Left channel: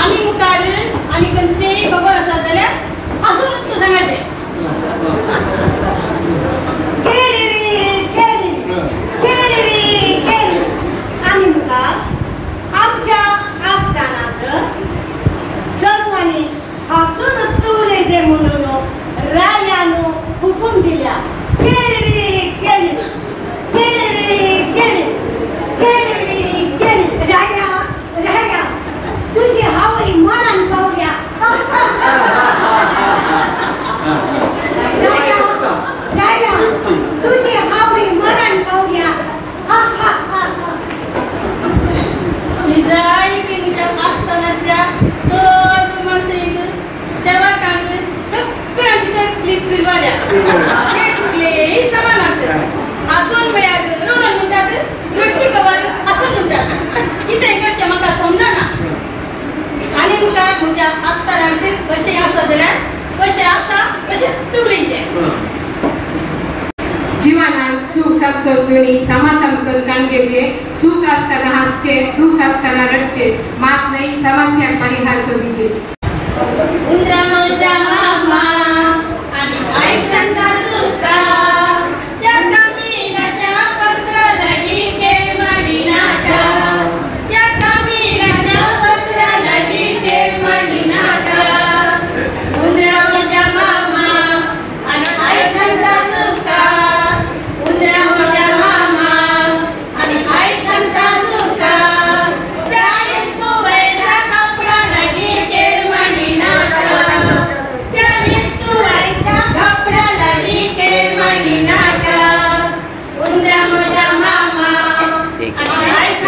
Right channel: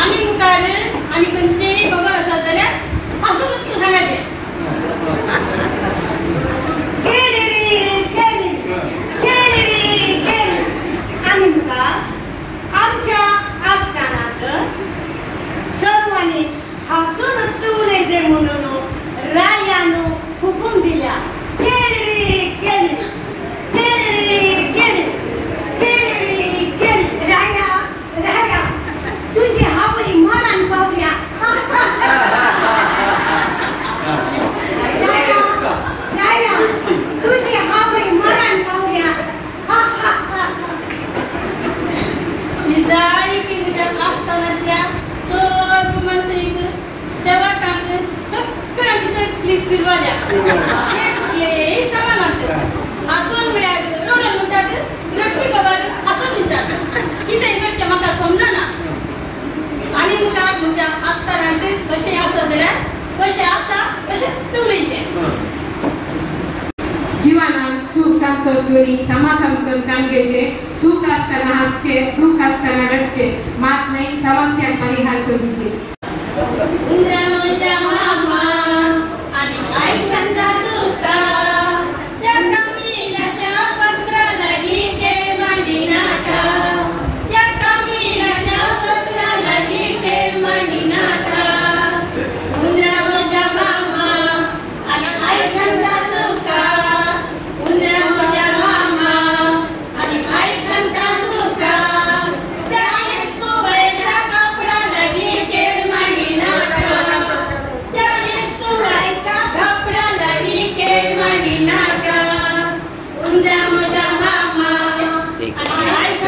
आणि मुखार आणि कंचे खबर असा जाल्यार असून तू सांगायचे आणि मुखार आमच्या आस्थानात सर्वांनी हसून तुलेचे म्हणून रायानो हुकूम दिल्या तुझी हवी मरण पाहुल्या तुझी हवी मरण पाहुल्या जाई पिंगच्या आस्थानाच्या सर्व मंत्रीक सेवकांक सगळ्यांची तकलीफ फिरवाल्या कुठलेही समानांत हसून मेळाक रोडून म्हणटात रट्टी खबर हसून म्हणटात कितें करचें म्हाका समजना आणि मुखार म्हज्या आस्थानांत कशें आसा जाल्यार कशें आसा तशेंच उलयचें जीवनात सुख संतोष वेळी समासंकल काणकेचे सुख असताना हसचे दुःख असताना रडचे मात नाही समस्या परिहार शोधीचे उंदराच्या मामा आणि ऐक संता दुका त्या कमीनाच्या पत्र लगी के मडिनाका त्या कमीनाच्या पत्र लगी के मडिनाका उंदराच्या मामा आणि ऐक संता दुका उंदराच्या मामा आणि ऐक संता दुका त्या इसको वैसा कपडा लगी के मडिनाका त्या इसको वैसा कपडा लगी के मडिनाका उंदराच्या मामा आणि ऐक